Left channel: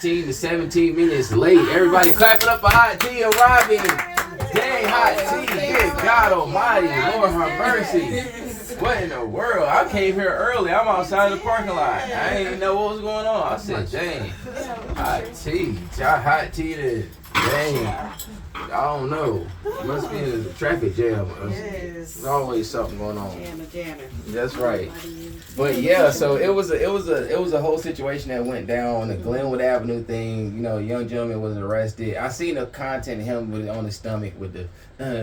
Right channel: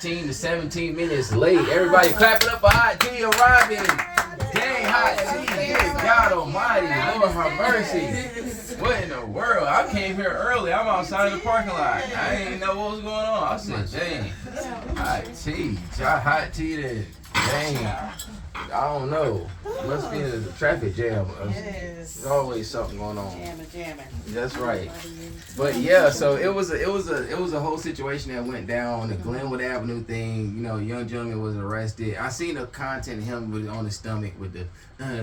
16 to 17 minutes late. Everybody clap it up for Hot Tea and Robin. Dang, Hot Tea. Good God Almighty. Lord have mercy. What in the world? I came here early. I'm outside of the parking lot. I didn't even know what was going on. I said, dang. Hot Tea. Hot Tea there. Dang. I don't know. It must be the traffic jam. There's always something going on. Jamming. That's right. But yeah, so it was a whole situation that went down on the Glenwood Avenue thing. You know, a young gentleman was arrested. I seen the content of him with on his stomach with the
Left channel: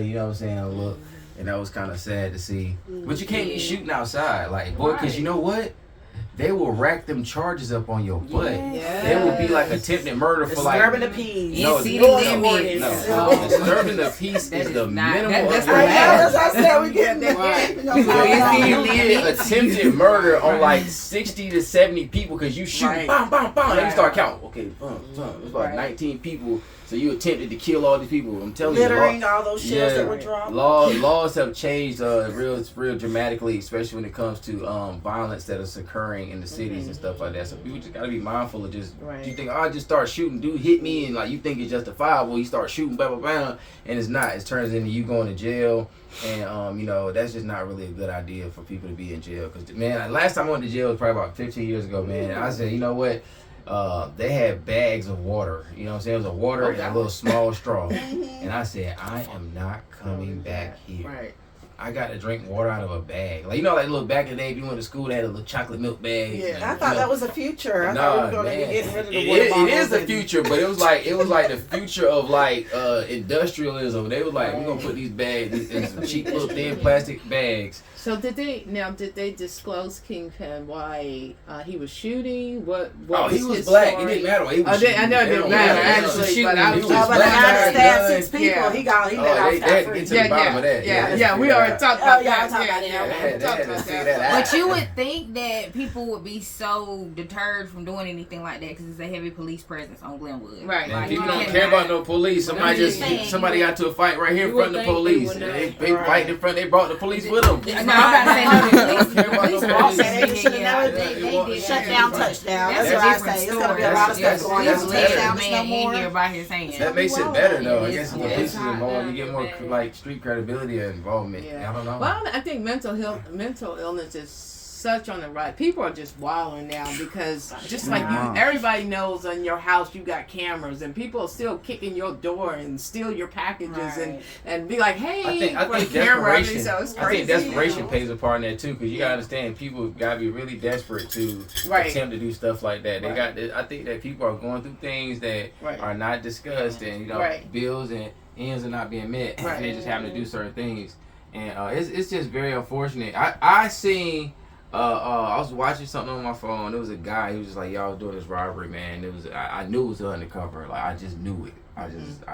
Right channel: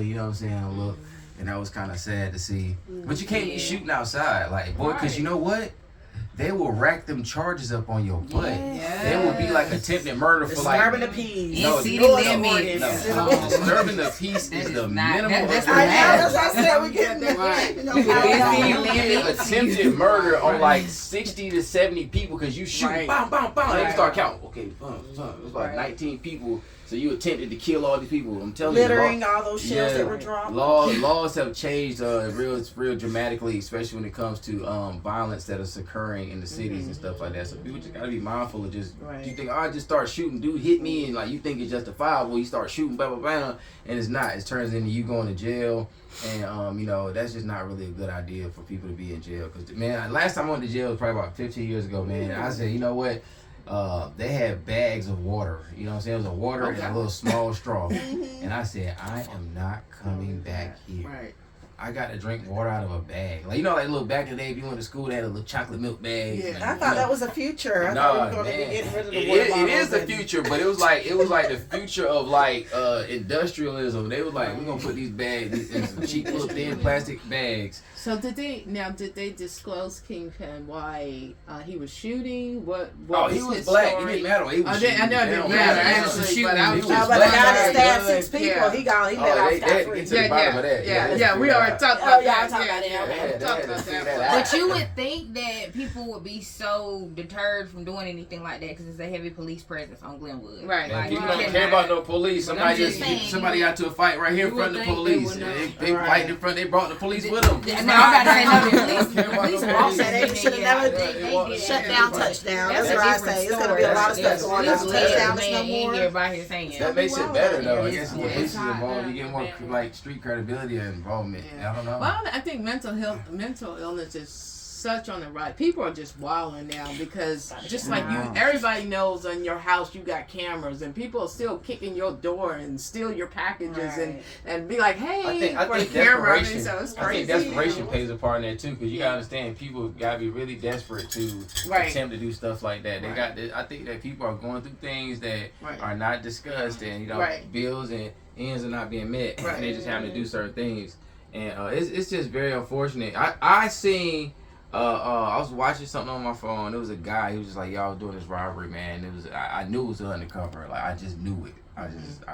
you know what I'm saying, look, and that was kind of sad to see. But you can't be shooting outside, like boy, because you know what? They will rack them charges up on your butt. Yeah. It will be like attempted murder for like disturbing the peace. No, disturbing the peace is the minimum of your That's I said we get attempted murder on like 60 to 70 people because you shoot, bam, bam, bam, and you start counting. Okay, it's like 19 people. So you attempted to kill all these people. I'm telling littering you, all those shells that were dropped. Laws have changed real dramatically, especially when it comes to violence that is occurring in the cities and stuff like that. So people just gotta be mindful of just you think I just start shooting, dude hit me, and like you think it's justifiable. You start shooting, blah blah blah, and it's not. It turns into you going to jail, and you know that's just not really a good idea for people to be in jail. Cause man, last time I went to jail was probably about 15 years ago, man. And I said, you know what? They had bags of water, you know what I'm saying? It was a water and a little small straw. And I said, I am not coming back here. Right. I got to drink water out of a bag. Like, you know, like look back in the day, if you went to school, they had a little chocolate milk bag. Yeah, and, I thought that was the future. I thought we were going to be getting rid of the water it bottles. It is the future, but it was like the future of like industrialism. They was like, we're going to put these bags in some cheap little thin plastic bags. So did they disclose Kingpen why he was shooting? What he was his black. story? It didn't matter. He was I know it didn't matter actually, but I was but the guy that stabbed 6 people, Yeah. he let off scot-free. Yeah, we already talked about that. Talked about that. But you would think that people would be so deterred from doing anything like that because it's a heavy police presence on Glenwood. Right. Man, people don't care about no police. Somebody got into a fight right here in front of the police. They fighting in front. They brought the police with them. No, I'm not saying no police. Shut down, touchdown. That's what I say. It's gonna be a lot of stuff going on. Touchdown is no more. That makes it better though. I guess if the police is involved, you get more like street credibility and involvement. I don't know. Well, I think mental illness is such on the rise. People are just wilding now because just like everybody knows in your house you got cameras and people are still kicking your door and steal your packages and be like, hey, I think desperation. So it's I crazy. think desperation plays a part in that too, because you gotta understand people gotta be really desperate to attempt to do stuff like that. I think that people are going through things that are not discussed, and you know, bills and ends are not being met, and they just having to do certain things, and it's just very unfortunate. I seen. I was watching something on my phone. There was a guy. He was just like, "Y'all was doing this robbery, man." It was. I knew it was undercover. Like I just knew it. I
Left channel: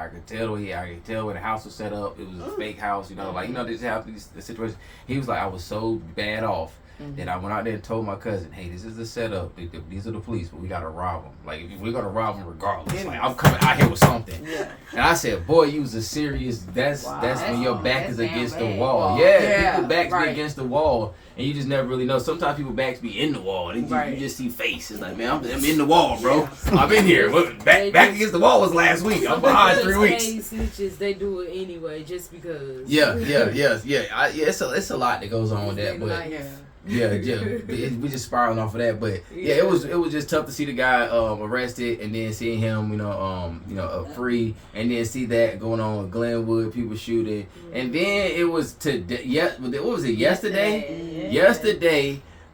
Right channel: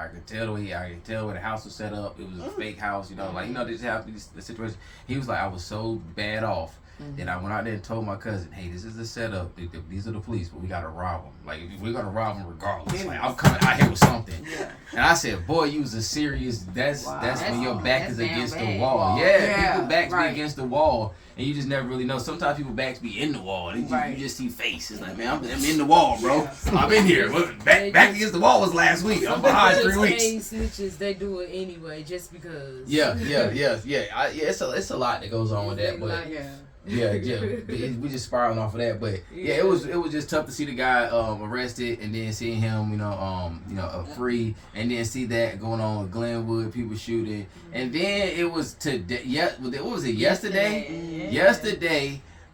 could tell the way. I could tell where the house was set up. It was a fake house. You know, like they just have the situation. He was like, I was so bad off that I went out there and told my cousin, "Hey, this is the setup. These are the police, but we gotta rob them. Like we're gonna rob them regardless. Like I'm coming out here with something." And I said, "Boy, you was a serious. That's when your back is against the wall. People backs be against the wall." And you just never really know. Sometimes people backs be in the wall. You just see face. It's like, man, I'm in the wall, bro. I've been here. Back against the wall was last week. I'm behind 3 weeks. Snitches, they do it anyway, just because. Yeah. It's a lot that goes on with that, but we just spiraling off of that. But it was just tough to see the guy arrested and then seeing him, free, and then see that going on with Glenwood, people shooting, and then it was today. What was it? Yesterday.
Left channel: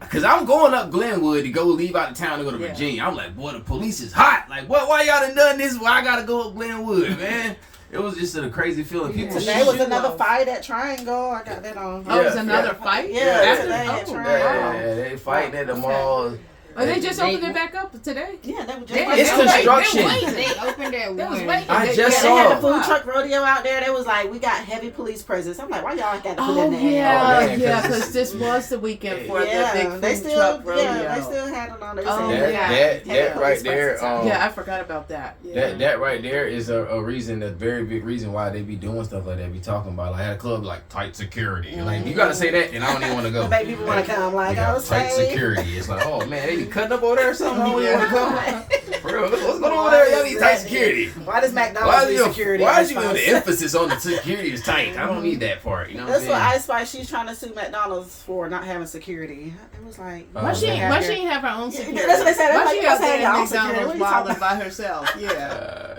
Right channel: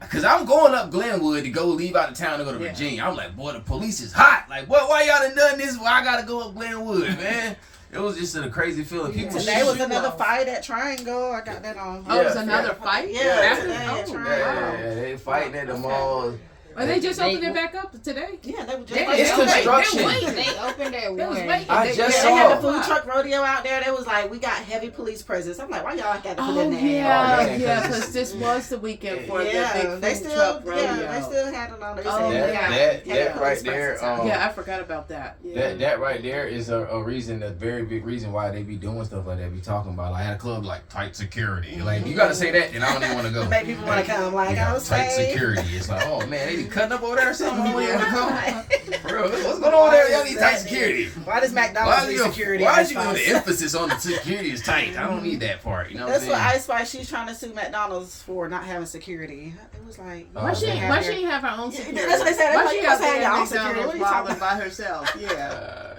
Cause I'm going up Glenwood to go leave out of town to go to Virginia. I'm like, boy, the police is hot. Like, why y'all done this? Why I gotta go up Glenwood, man? It was just a crazy feeling. People today was another fight at Triangle. I got that on. Oh, it was another fight? Yeah, today at Triangle. They fighting at the mall. Oh, they just opened it back up today? Yeah, they were just it's construction. They opened at 1. I just saw. They had the food truck rodeo out there. They was like, we got heavy police presence. I'm like, why y'all got to put in there? Because this was the weekend for the big food truck rodeo. Yeah, they still had it on. That right there. I forgot about that. That right there is a reason, a very big reason why they be doing stuff like that. Be talking about like, I had a club like tight security. Like you gotta say that, and I don't even want to go. Make people want to come. Like, tight security. It's like, oh man, they be cutting up over there or something? I don't even want to come. For real, what's going on over there? Y'all need tight security. Why does McDonald's need security? Why is you the emphasis on the security is tight? I don't need that part. You know what I'm saying? That's what Ice Spice, she's trying to sue McDonald's for not having security. It was like, why she ain't have her own security? That's what they said. Why she out there your at own security? McDonald's wilding by herself? Yeah.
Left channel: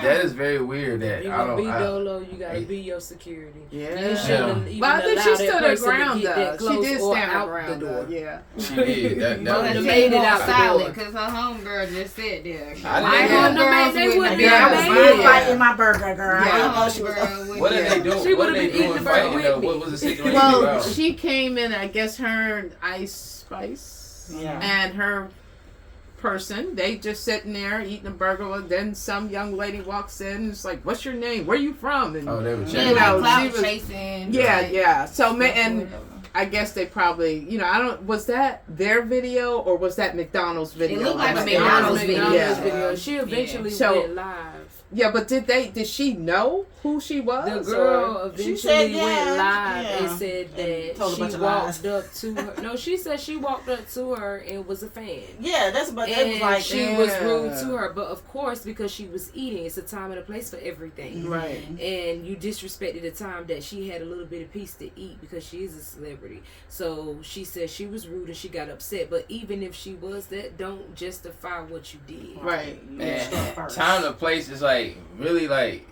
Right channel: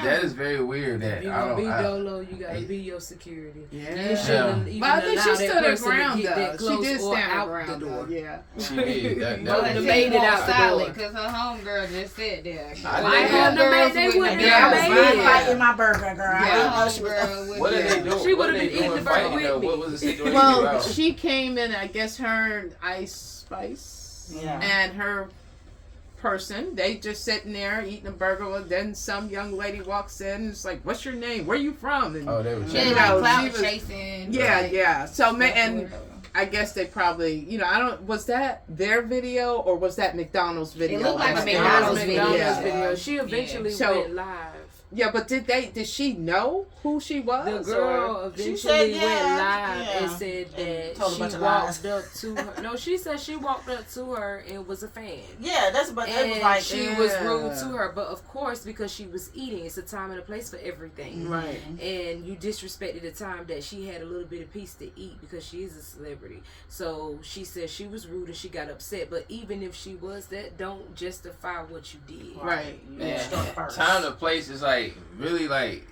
That is very weird. That you I don't. Be Dolo, you gotta be your security. Yeah. But I think she stood her ground though. She did stand her ground though. Yeah. She did. That made it out silent because her homegirl just sat there. My homegirls they wouldn't be fighting my burger, girl. What are they doing? She would have been eating the burger with me. What was the situation? Well, she came in. I guess her and Ice Spice and her person, they just sitting there eating a burger. Then some young lady walks in and it's like, "What's your name? Where you from?" And they were chasing. She was chasing. Yeah. So and I guess they probably, was that their video or was that McDonald's video? It looked like a McDonald's video. She eventually went live. Yeah, but did she know who she was? The girl eventually went live and said that she walked up to her. No, she said she walked up to her and was a fan. Yeah, that's but it was like she was rude to her. But of course, because she was eating, it's a time and a place for everything. Right. And you disrespected the time that she had a little bit of piece to eat because she is a celebrity. So she said she was rude and she got upset. But even if she was, that don't justify what you did. Right. Time and place is like really like.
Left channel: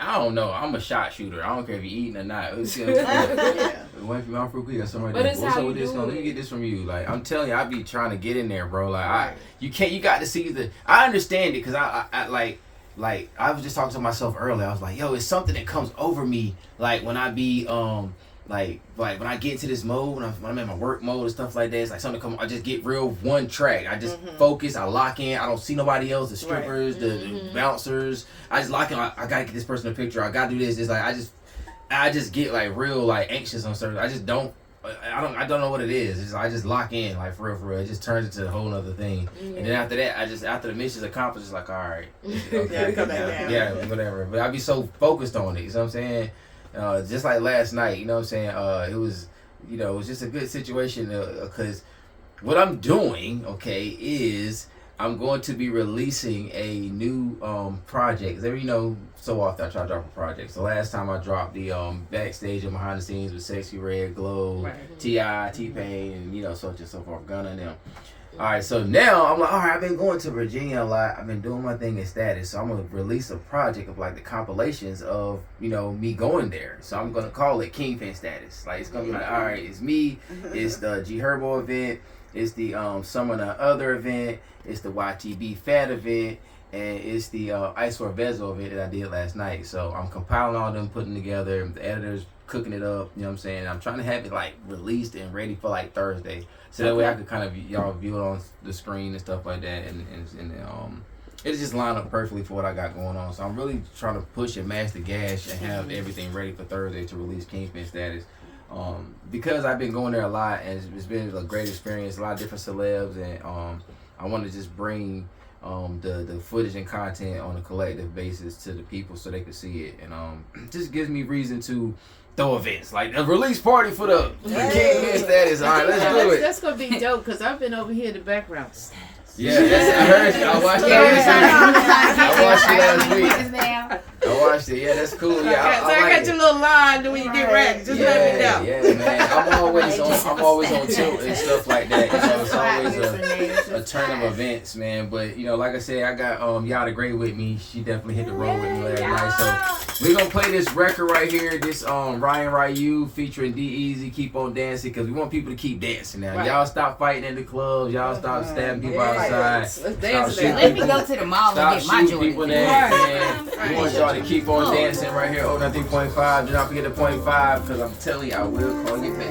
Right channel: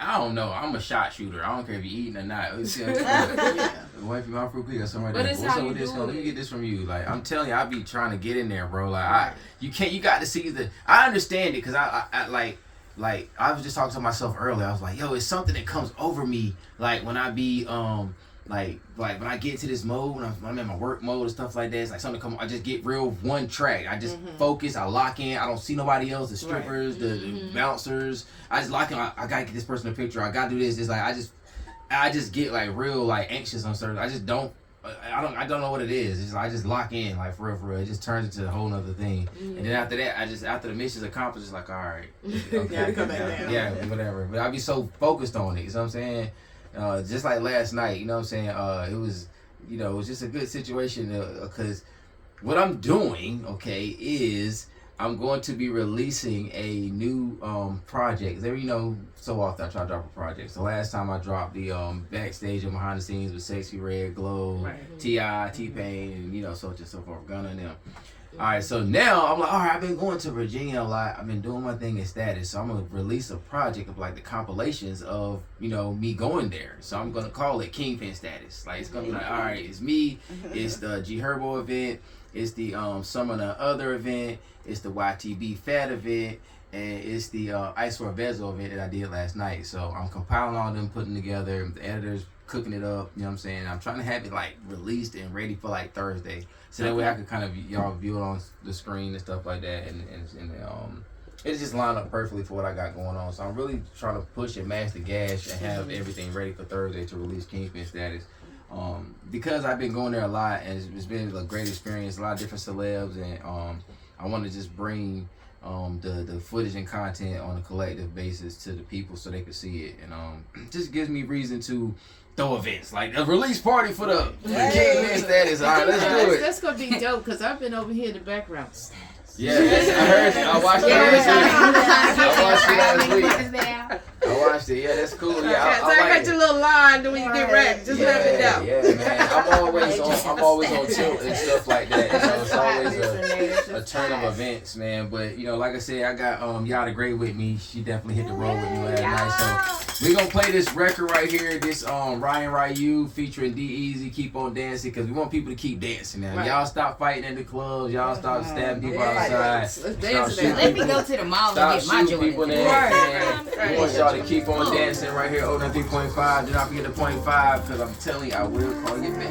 I don't know. I'm a shot shooter. I don't care if you're eating or not. Wifey, I'm fruit quick or something like that. What's up with this? Let me get this from you. Like I'm telling you, I be trying to get in there, bro. Like you got to see the. I understand it because I like I was just talking to myself earlier. I was like, yo, it's something that comes over me. Like when I be like when I get into this mode, when I'm in my work mode and stuff like that, it's like something I just get real one track. I just focus, I lock in, I don't see nobody else, the strippers, the bouncers. I just lock in, I gotta get this person a picture, I gotta do this. It's like I just get like real like anxious on certain. I don't know what it is. I just lock in like for real. It just turns into a whole nother thing. And then after that, after the mission's accomplished, it's like all right, okay, whatever. But I be so focused on it. You know what I'm saying? Just like last night, you know what I'm saying? It was just a good situation because what I'm doing, okay, is I'm going to be releasing a new project. So often I try to drop a project. So last time I dropped the backstage and behind the scenes with Sexy Red, Glow, T.I., T-Pain, and so on and so forth, Gunna and them. All right, so now I'm like, all right, I've been going to Virginia a lot. I've been doing my thing in Status, so I'm gonna release a project of like the compilations of me going there. So I'm gonna call it Kingpen Status. Like it's gonna be like, all right, it's me, it's the G Herbo event, it's the Some of the Other event, it's the YTB Fat event, and it's the Ice for Vezo event that I did last night. So I'm compiling all them, putting together. The editor's cooking it up. You know what I'm saying? I'm trying to have it like released and ready for like Thursday. So that way I could kind of y'all view it on the screen and stuff like that, and it's just lined up perfectly for what I got going on. So I'm really trying to push and mash the gas and have everything ready for Thursday to release Kingpen Status. Because I've been going there a lot and it's been a great experience, a lot of different celebs, and I want to just bring the footage and content on a collective basis to the people so they can see it, and just gives me reason to throw events like a release party for the Kingpen Status. All right, let's do it. That's gonna be dope because I've been over here in the background. Yeah, I heard it. I watched I watched it. Yeah, that's cool. Yeah, so I got your little line when you get ready. Just let me know. Yeah, man. I'm always on tilt and stuff like that. It's always a turn of events, man. But like I said, I got Yada Gray with me. She definitely hit the road with me last night. So we gonna play this record right here. This Ryan Ryu featuring D-Eazy, Keep On Dancing, because we want people to keep dancing now. Right. Y'all stop fighting in the clubs. Y'all stop stabbing people outside. Let me go to the mall and get my joint. We want y'all to keep on dancing right here. 03.5. Do not forget the 0.5 because I'm telling you, I will call you back.